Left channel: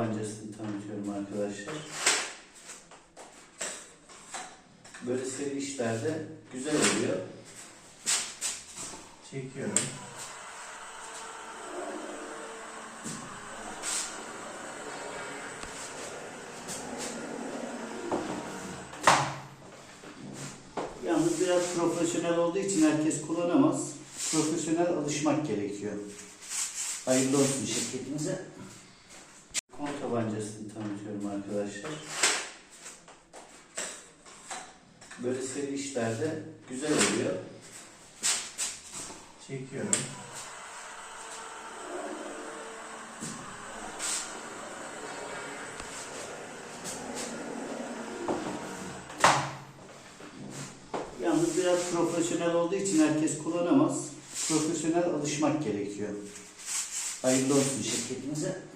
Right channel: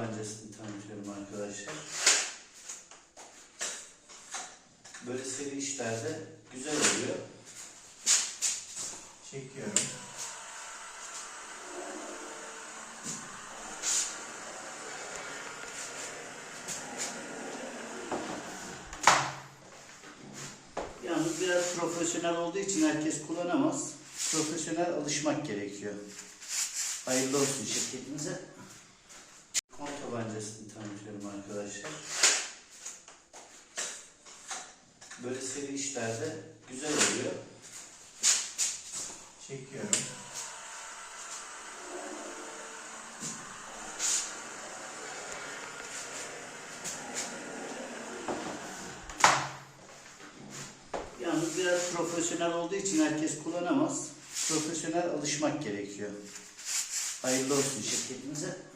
tabancasını tanıtıyorum arkadaşlar. Böyle seri işlerde güzel oluyor. Çekiyorum. Yalnız biraz profesyonel olduğu için herkes kullanamaz. Profesyonel alışmak gerekiyor. Hayırlı olsun şirketimize. Tabancasını tanıtıyorum arkadaşlar. Böyle seri işlerde güzel oluyor. Çekiyorum. Yalnız biraz profesyonel olduğu için herkes kullanamaz. Profesyonel alışmak gerekiyor. Hayırlı olsun şirketimize.